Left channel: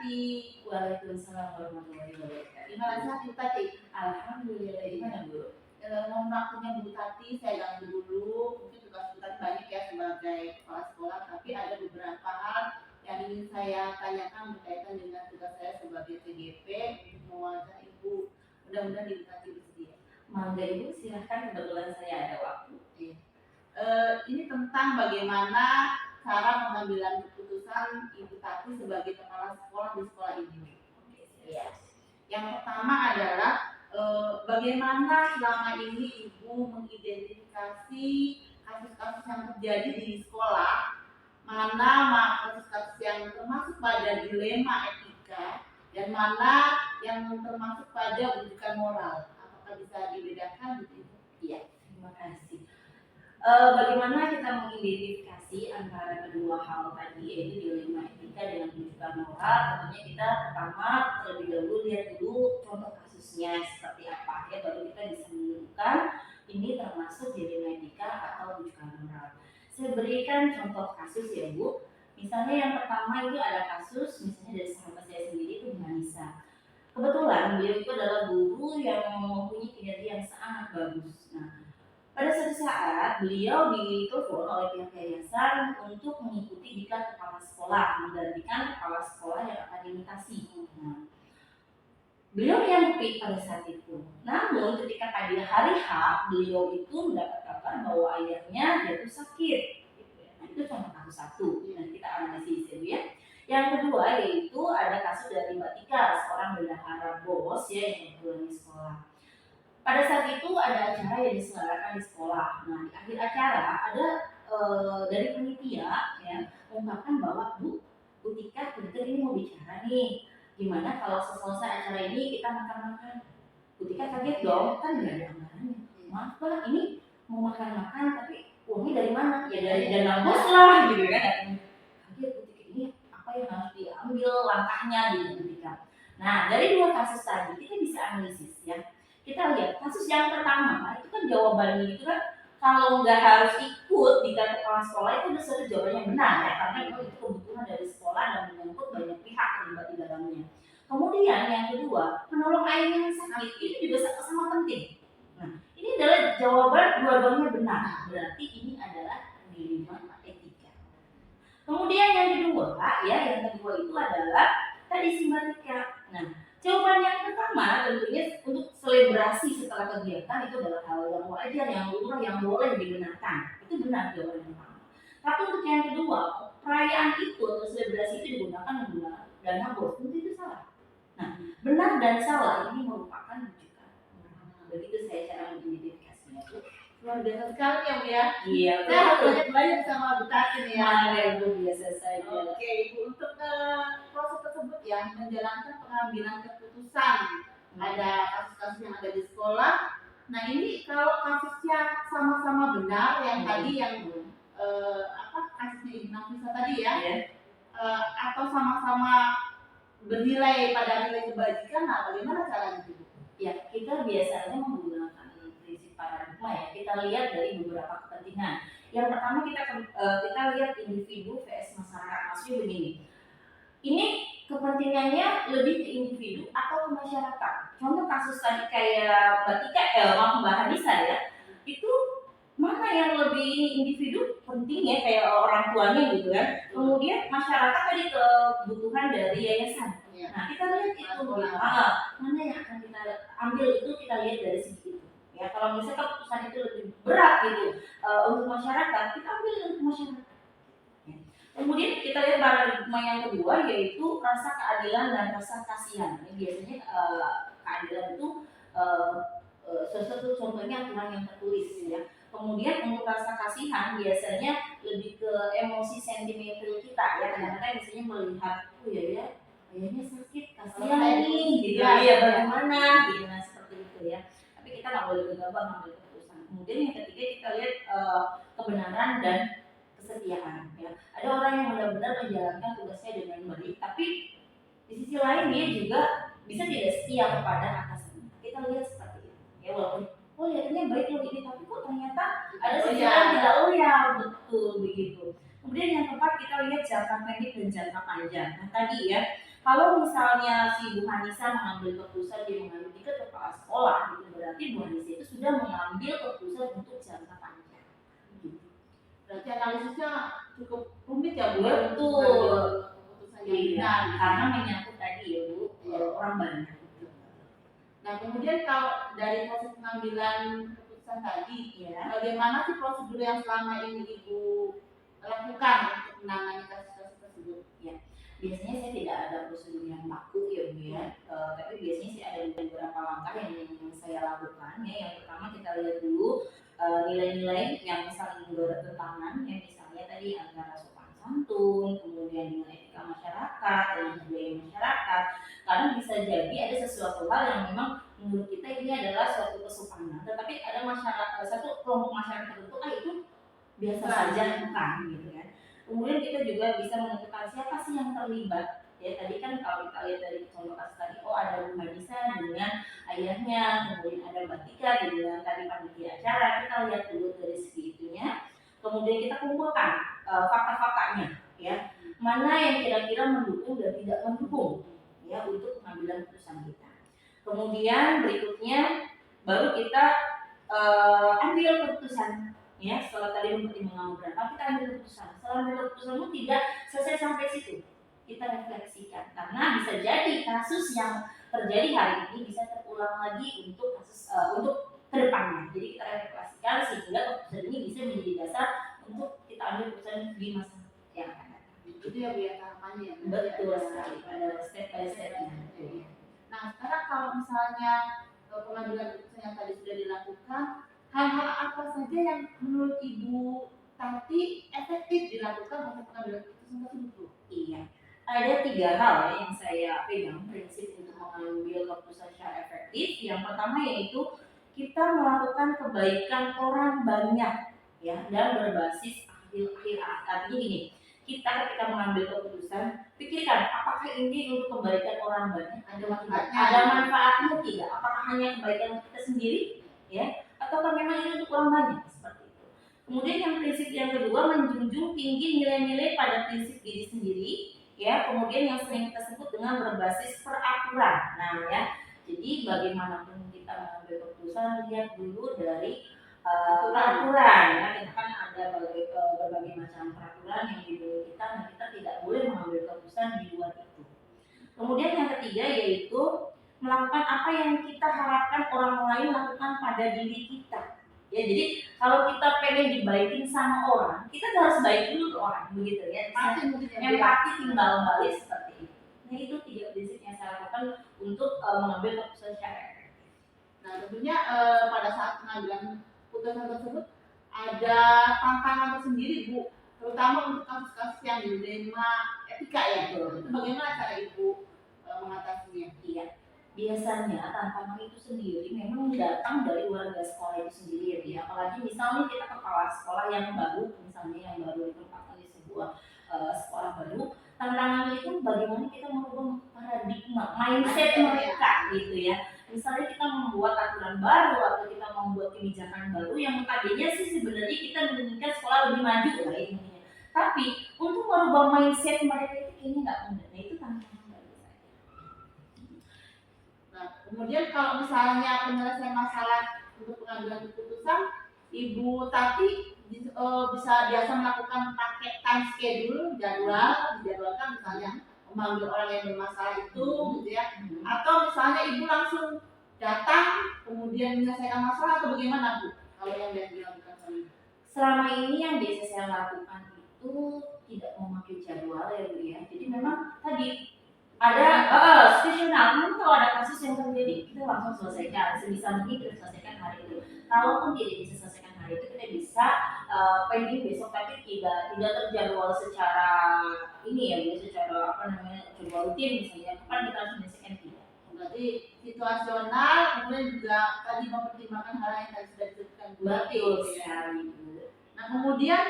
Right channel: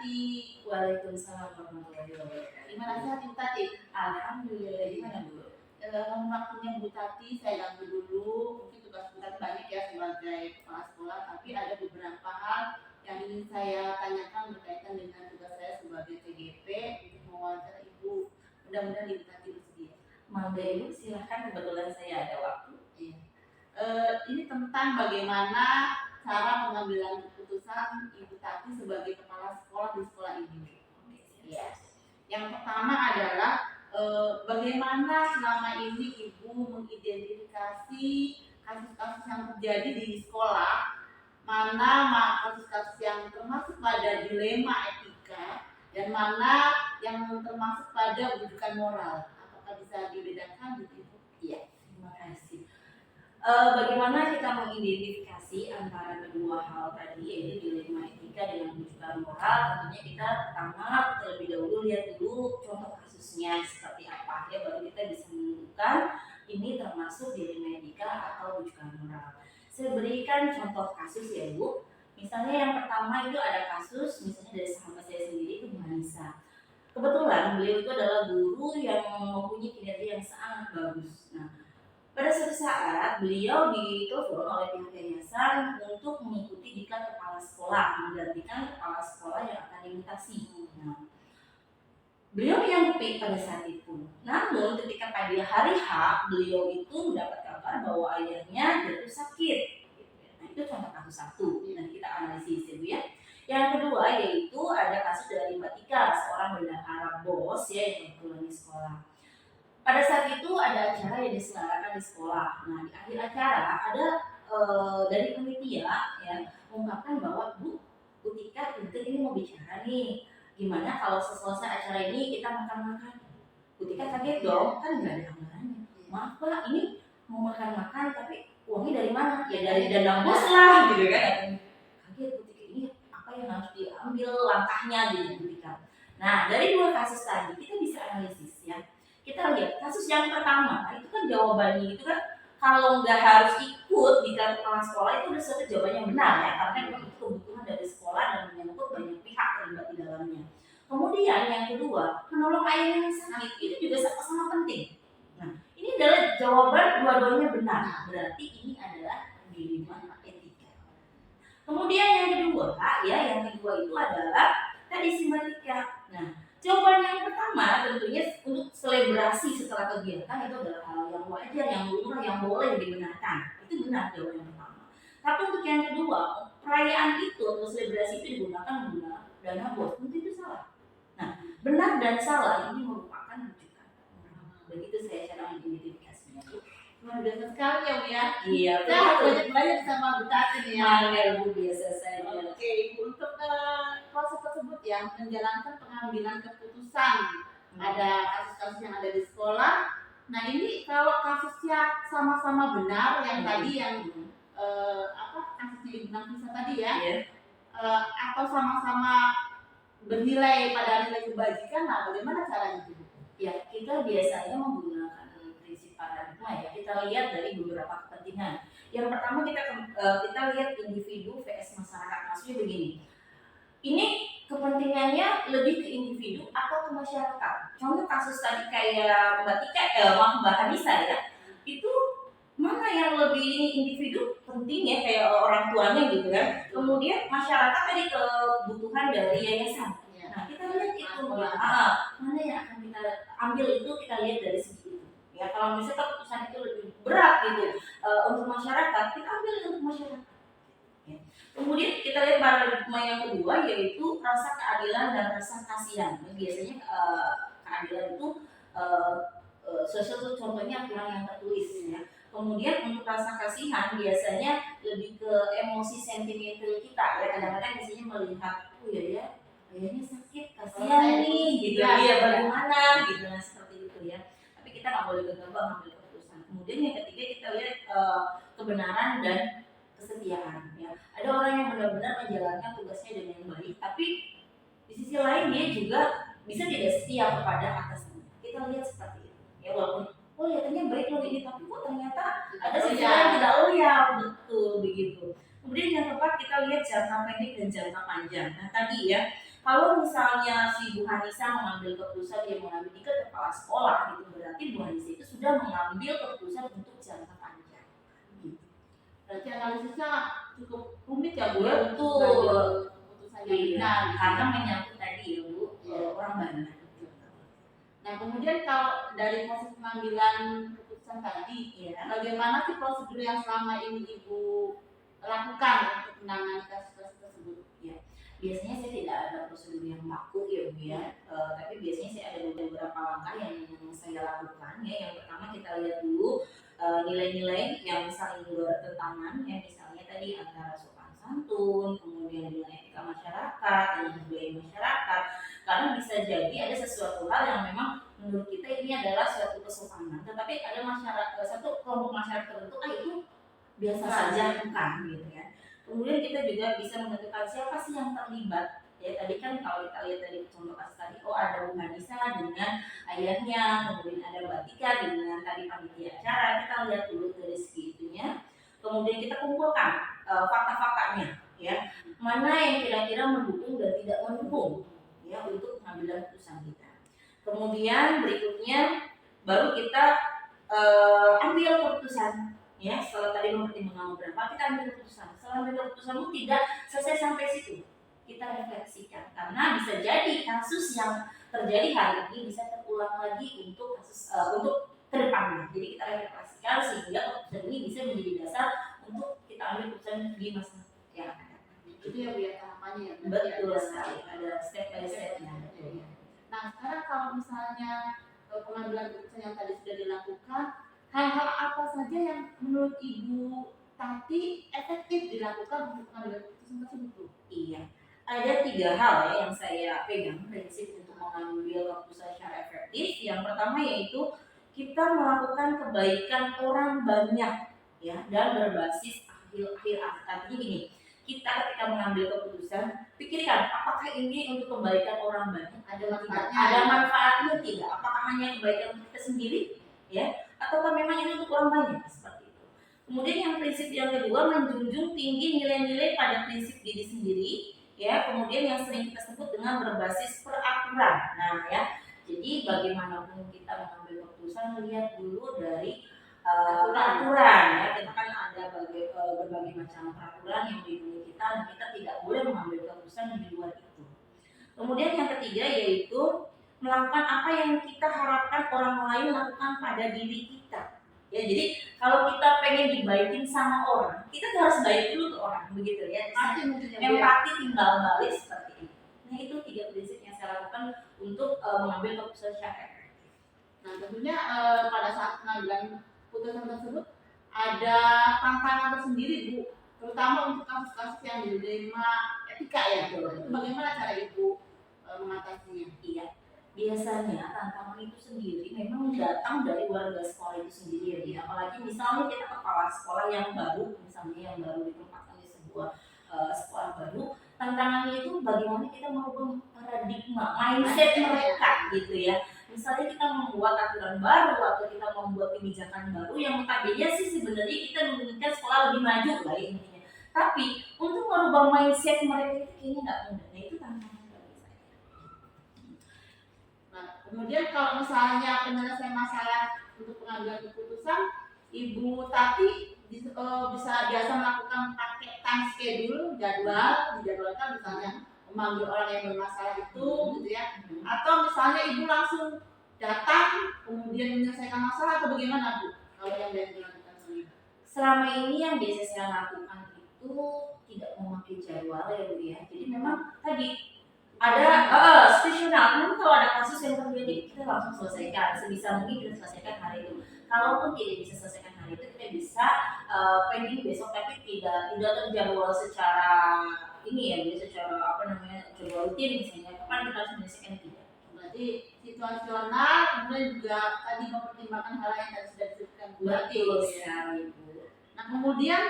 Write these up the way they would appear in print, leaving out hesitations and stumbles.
Tati. Waalaikumsalam warahmatullahi wabarakatuh. Gimana sehat Bu Tati? Alhamdulillah. Gimana Bu? Mohon waktunya Bu Tati, saya ganggu dulu. Mungkin tugas Bu Tati banyak ya sebagai kepala sekolah, tapi ada beberapa hal yang ingin saya tanyakan berkaitan dengan tugas saya sebagai TGP untuk mewawancara Ibu. Mudah-mudahan Ibu Tati bersedia. Mangga Ibu, silahkan, kebetulan saya ada waktu. Iya. Ini tentang bagaimana cara pengambilan keputusan Ibu Tati sebagai kepala sekolah di sekolah ini. Iya. Yang pertama adalah bagaimana selama ini Ibu mengidentifikasi kasus-kasus yang terjadi di sekolah, mana kasus-kasus yang termasuk pada dilema etika dan mana yang termasuk pada rujukan moral. Apakah bisa dibedakan gitu Ibu? Iya, terima kasih. Bagaimana kita mengidentifikasi antara kedua hal tadi, yaitu dilema etika dengan rujukan moral? Tentunya kita pertama terlebih dahulu lihat dulu contoh kasusnya seperti apa ya, baru kita bisa menentukan ini termasuk dilema etika atau rujukan moral. Saya berikan contoh kasus ya Bu. Misalnya yang pertama itu ada kasus misalnya dari sahabat saya sendiri itu Bu Hanisa. Kebetulan beliau itu adalah guru yang mempunyai kinerja yang sangat bagus. Nah, pada suatu saat beliau ditelepon oleh pihak yayasan untuk mengikuti diklat kepala sekolah, menggantikan kepala sekolah yang akan dimutasi. Nah, beliau menyanggupi pada saat itu. Namun ketika pada hari H beliau itu mendapat kabar bahwa ayahnya jatuh sakit. Nah, itu contoh kasus satu. Nanti kita analisis ya. Yang kedua yaitu ada kasus dari Mbak Tika, seorang bendahara bos ya yang kebetulan di sekolah. Pada saat itu ada acara yang diselenggarakan di sekolah. Nah, di akhir acara ada dari panitia ya mengungkapkan bahwa Bu Tika ini mau bicara nih. Gimana kalau selesai acara ini kita makan-makan? Bu Tika kaget dong, kan nggak ada anggarannya. Maaf Pak, ini mau makan-makan tapi uangnya dari mana? Ya dari dana bos lah gitu kan. Kaget Bu Tika, ini apa yang harus diambil langkahnya gitu Bu Tika. Nah, dari dua kasus tadi kita bisa analisis ya. Kita lihat kasus yang pertama itu kan jawabannya itu kan kalau nggak harus ikut di kepala sekolah itu udah suatu jawaban yang benar ya, karena memang itu kebutuhan dari sekolah dan menyangkut banyak pihak terlibat di dalamnya. Kemudian yang kedua, menolong ayah yang sakit itu juga sama-sama penting. Nah, ini adalah jawaban dua-duanya benar. Berarti ini adalah dilema etika. Kemudian yang kedua itu adalah tadi simpatika. Nah, jawaban yang pertama tentunya untuk selebrasi setelah kegiatan itu adalah hal yang wajar, yang lumrah, yang boleh dibenarkan. Itu benar jawaban yang pertama. Tapi untuk yang kedua, perayaan itu atau selebrasi itu menggunakan dana bos, itu salah. Nah, benar dan salah ini merupakan rujukan. Begitu saya cara mengidentifikasinya. Luar biasa sekali ya Bu ya. Iya, saya harus banyak sama Bu Tati nih ya. Ya Bu, biasa saja. Oke Ibu, untuk proses tersebut ya menjalankan pengambilan keputusan ada kasus-kasus yang ada di sekolah. Nah ini kalau kasusnya sama-sama benar yang tadi yang kasusnya Ibu Nafisa tadi ya, atau sama-sama bernilai pada nilai kebajikan, nah bagaimana caranya Bu? Ya, kita biasanya menggunakan prinsip paradigma ya. Kita lihat dari beberapa kepentingan. Yang pertama kita lihat individu vs masyarakat. Maksudnya begini. Ini kepentingannya lebih ke individu atau ke masyarakat. Contoh kasus tadi kayak Mbak Hanisa ya. Itu mana yang lebih individu penting ya, kayak orang tuanya gitu kan. Kemudian masyarakat tadi kebutuhan dari yayasan. Nah, kita lihat itu mana yang akan kita ambil itu, kita lihat dari segi itu. Ya, kalau misalnya keputusan itu lebih berat gitu untuk masyarakat, kita ambil untuk masyarakat. Ya. Kemudian kita lihat paradigma yang kedua yaitu rasa keadilan dan rasa kasihan. Nah, biasanya keadilan itu sesuatu contohnya aturan yang tertulis ya. Kemudian untuk rasa kasihan biasanya lebih ke emosi sentimental kita ya. Kadang-kadang biasanya melihat ayahnya sakit, kasihan nih gitu ya, bagaimana gitu, nah seperti itu ya. Tapi kita nggak boleh gegabah ngambil keputusan. Kemudian yang ketiga kita lihat kebenaran dan kesetiaan ya. Ada orang yang benar-benar menjalankan tugasnya dengan baik, tapi di sisi lain dia juga bisa tidak setia kepada atasannya. Kita lihat seperti itu ya, walaupun lihatnya baik loh ini, tapi kok ternyata ada sisi yang tidak loyal, betul begitu. Kemudian yang keempat kita lihat jangka pendek dan jangka panjang. Nah tadi ya, Kalau misalnya si Bu Hanisa mengambil keputusan dia mengambil ke kepala sekolah, itu berarti Bu Hanisa itu sudah mengambil keputusan untuk jangka panjang. Gitu. Berarti analisisnya cukup rumit ya Bu? Betul. Keputusan yang benar. Karena menyangkut tadi ya Bu, orang banyak. Nah kemudian kalau dari proses pengambilan keputusan tadi, Ya. bagaimana sih prosedur yang selama ini Ibu lakukan untuk menangani kasus-kasus tersebut? Ya, biasanya saya tidak ada prosedur yang baku ya Bu ya, tapi biasanya saya ada beberapa langkah yang saya lakukan ya. Yang pertama kita lihat dulu nilai-nilai yang saling bertentangan ya, misalnya tadi antara sopan santun, kemudian dengan etika masyarakat, dengan budaya masyarakat. Karena bisa jadi ada sesuatu hal yang memang menurut kita ini adalah suatu kesopanan, tetapi ada masyarakat satu kelompok masyarakat tertentu itu biasa saja bukan gitu kan. Kemudian kita juga bisa menentukan siapa sih yang terlibat. Ya tadi kan kalau kita lihat dari contoh kasus tadi, oh ada Bu Hanisa dengan ayahnya, kemudian ada Mbak Tika dengan tadi panitia acara. Kita lihat dulu dari segi itunya. Kemudian kita kumpulkan fakta-faktanya, ya mana yang kira-kira mendukung dan tidak mendukung, ya untuk pengambilan keputusan kita. Kemudian berikutnya baru kita ambil keputusan. Ya, setelah tadi mempertimbangkan beberapa, kita ambil keputusan. Setelah ambil keputusanmu tidak selesai sampai situ, kita refleksikan karena bisa jadi kasus yang terjadi hari ini bisa terulang lagi untuk kasus untuk kedepannya. Jadi kita refleksikan sehingga keputusan ini bisa menjadi dasar untuk kita ambil keputusan di masa yang akan datang. Itu ya Bu ya tahapannya ya. Betul sekali, ada step by stepnya. Nah sekarang kalau misalnya pengambilan keputusan yang tadi sudah dilakukan, hal-hal apa saja yang menurut Ibu Tati efektif dilakukan untuk pengambilan keputusan tersebut? Iya, ada 3 hal ya yang saya pegang prinsip untuk mengambil keputusan secara efektif. Yang pertama yaitu kita melakukan kebaikan orang banyak ya dan berbasis akhir artinya gini. Kita ketika mengambil keputusan, pikirkan apakah ini untuk kebaikan orang banyak, Ada manfaatnya? ada manfaatnya tidak? Apakah hanya kebaikan kita sendiri ya? Ataukah memang ini untuk orang banyak seperti itu. Kemudian yang prinsip yang kedua menjunjung tinggi nilai-nilai pada prinsip diri sendiri ya. Kemudian yang sering kita sebut dengan berbasis peraturan. Nah ya, jadi bagaimanapun kita mengambil keputusan lihat dulu dari peraturan ya. Kita kan ada berbagai macam peraturan yang dilindungi kita dan kita tidak boleh mengambil keputusan di luar itu. Kemudian yang ketiga yaitu melakukan apa yang kita harapkan orang lain lakukan pada diri kita. Ya, jadi kalau kita pengen dibaikin sama orang, kita harus baik dulu ke orang, begitu ya. Empati timbal balik seperti itu. Nah, itu 3 prinsip yang saya lakukan untuk mengambil keputusan secara efektif. Nah, tentunya pada saat pengambilan keputusan tersebut ada tantangan tersendiri Bu, terutama untuk kasus-kasus yang dilema etika ya. Itu bagaimana cara Ibu mengatasinya? Iya. Biasanya tantangan itu sendiri memang datang dari warga sekolah itu sendiri ya. Apalagi misalnya kita kepala sekolah yang baru, misalnya yang baru ditempatkan di sebuah sekolah baru, tantangannya itu bagaimana kita merubah paradigma, mindset mereka gitu ya. Misalnya kita membuat aturan baru atau kita membuat kebijakan baru yang tadinya sih sebenarnya kita menginginkan sekolah lebih maju lah intinya. Tapi untuk merubah mindset mereka itu kayaknya nggak mudah. Nah itu tantangan. Kemudian kalau misalnya penyelesaian masalah untuk pengambilan keputusan, Ibu Tati bisa biasa melakukan pakai time schedule, dijadwalkan misalnya memanggil orang yang bermasalah itu, gitu ya. Atau misalnya Ibu langsung datang kemudian menyelesaikan masalah atau bagaimana Bu? Kalau yang biasa dilakukan selama ini yang biasa saya lakukan itu tidak memakai jadwal ya Bu ya. Jadi memang tadi ada situasional, nanti kalau ada kasus yang terjadi kita langsung selesaikan, sebisa mungkin kita selesaikan hari itu. Kalaupun tidak bisa selesaikan hari itu kita bisa pending besok, tapi tidak terjadwal secara ini ya, secara jadwal rutin misalnya kapan kita harus menyelesaikan tidak. Berarti situasional, kemudian juga tadi mempertimbangkan hal yang tadi sudah disebutkan Betul sekali Bu. Nah kemudian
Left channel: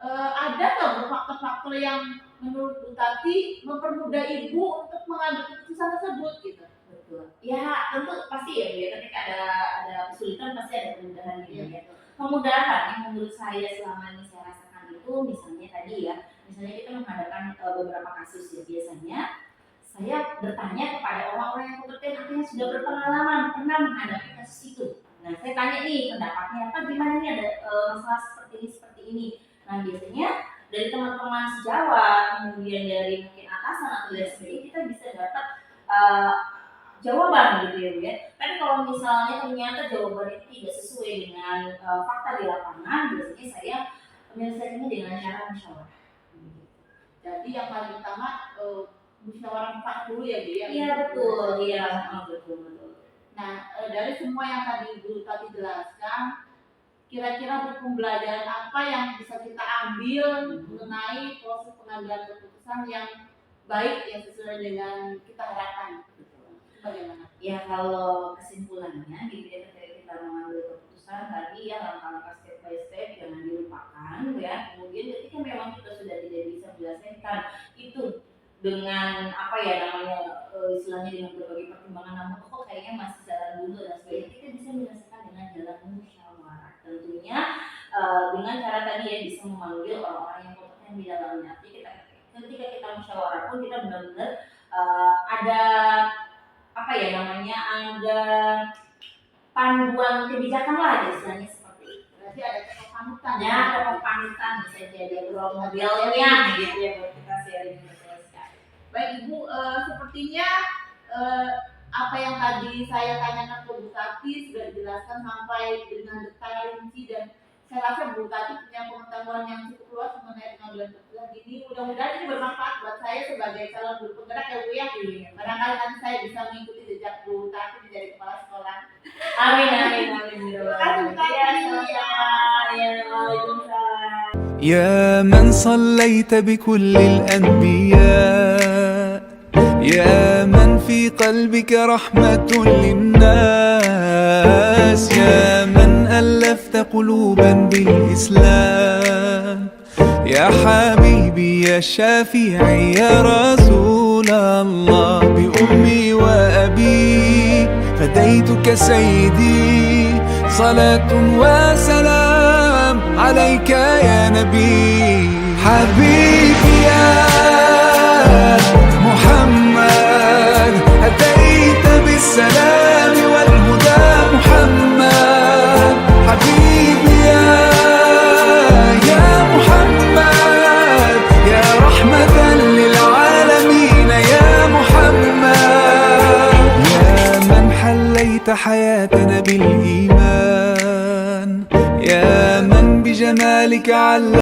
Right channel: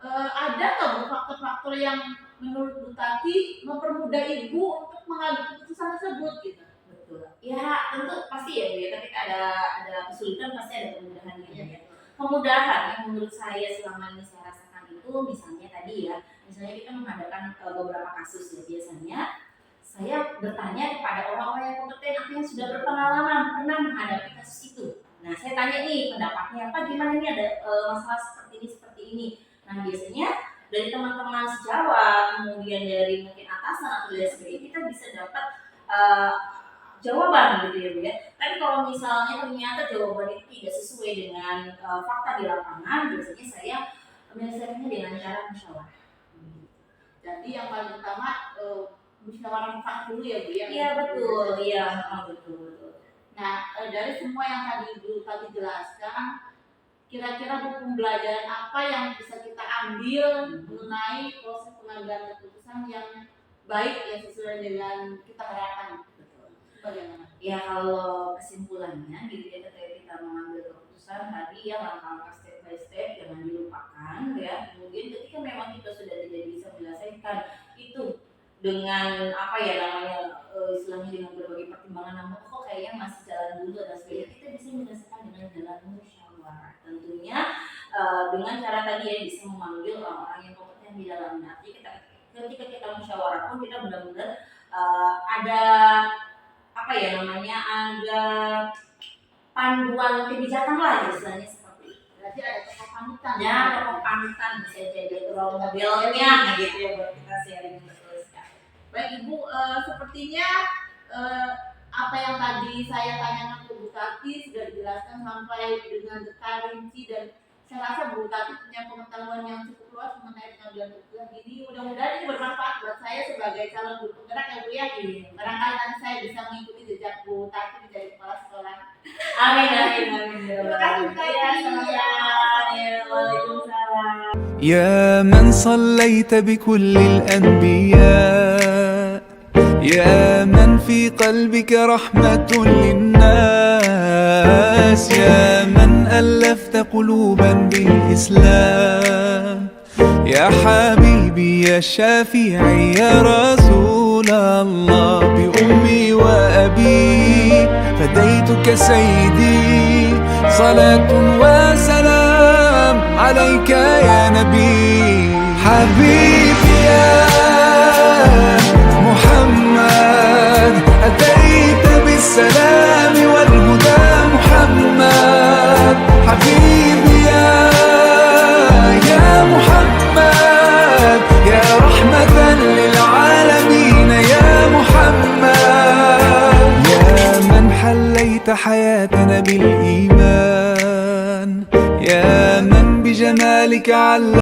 ada nggak Bu faktor-faktor yang menurut Bu Tati mempermudah Ibu untuk mengambil keputusan tersebut gitu? Betul. Ya tentu pasti ya Bu ya, ketika ada kesulitan pasti ada kemudahan gitu ya. Kemudahan yang menurut saya selama ini saya rasakan itu misalnya tadi ya, misalnya kita menghadapkan beberapa kasus ya, biasanya saya bertanya kepada orang-orang yang kompeten atau yang sudah berpengalaman pernah menghadapi kasus itu. Nah, saya tanya nih pendapatnya apa, gimana nih ada masalah seperti ini. Nah, biasanya dari teman-teman sejawat, kemudian dari mungkin atasan atau dari sebagainya, kita bisa dapat jawaban gitu ya Bu ya. Tapi kalau misalnya ternyata jawaban itu tidak sesuai dengan fakta di lapangan, biasanya saya menyelesaikannya dengan cara musyawarah. Jadi yang paling utama musyawarah mufakat dulu ya Bu ya. Iya betul, iya betul. Nah, dari semua yang tadi Bu tadi jelaskan, kira-kira buku pembelajaran apa yang bisa kita ambil mengenai proses pengambilan keputusan yang baik yang sesuai dengan kita harapkan? Bagaimana? Ya kalau kesimpulannya gitu ya, ketika kita mengambil keputusan tadi ya langkah-langkah step by step jangan dilupakan ya. Kemudian ketika memang kita sudah tidak bisa menyelesaikan itu dengan apa ya namanya istilahnya dengan berbagai pertimbangan, namun kok kayaknya masih jalan dulu dan sebagainya, kita bisa menyelesaikan dengan jalan musyawarah. Tentunya dengan cara tadi ya bisa memanggil orang-orang yang kompeten di dalamnya. Jadi ketika kita musyawarah pun kita benar-benar ada apa ya namanya, ada panduan kebijakan lah istilahnya seperti itu. Berarti ada tokoh panutan. Ya, tokoh panutan bisa jadi role modelnya gitu ya buat kita sharing selesai. Baik Ibu, sepertinya apa yang tadi saya tanyakan ke Bu Tati sudah dijelaskan sampai dengan detail rinci, dan saya rasa Bu Tati punya pengetahuan yang cukup luas mengenai pengambilan keputusan ini. Mudah-mudahan ini bermanfaat buat saya sebagai calon guru penggerak ya Bu ya. Barangkali nanti saya bisa mengikuti jejak Bu Tati menjadi kepala sekolah. Amin. Terima kasih Bu Tati. Ya, waalaikumsalam. يا من صليت بكل الأنبياء، يا من في قلبك رحمة للناس، يا من ألفت قلوبا بالإسلام، يا حبيبي يا شافعي يا رسول الله، بأمي وأبي فديتك سيدي، صلاة وسلام عليك يا نبي. حبيبي يا محمد أتيت بالسلام والهدى محمد، حبيبي يا محمد يا رحمة للعالمين يا محمد، يا من حليت حياتنا بالإيمان، يا من بجمالك علم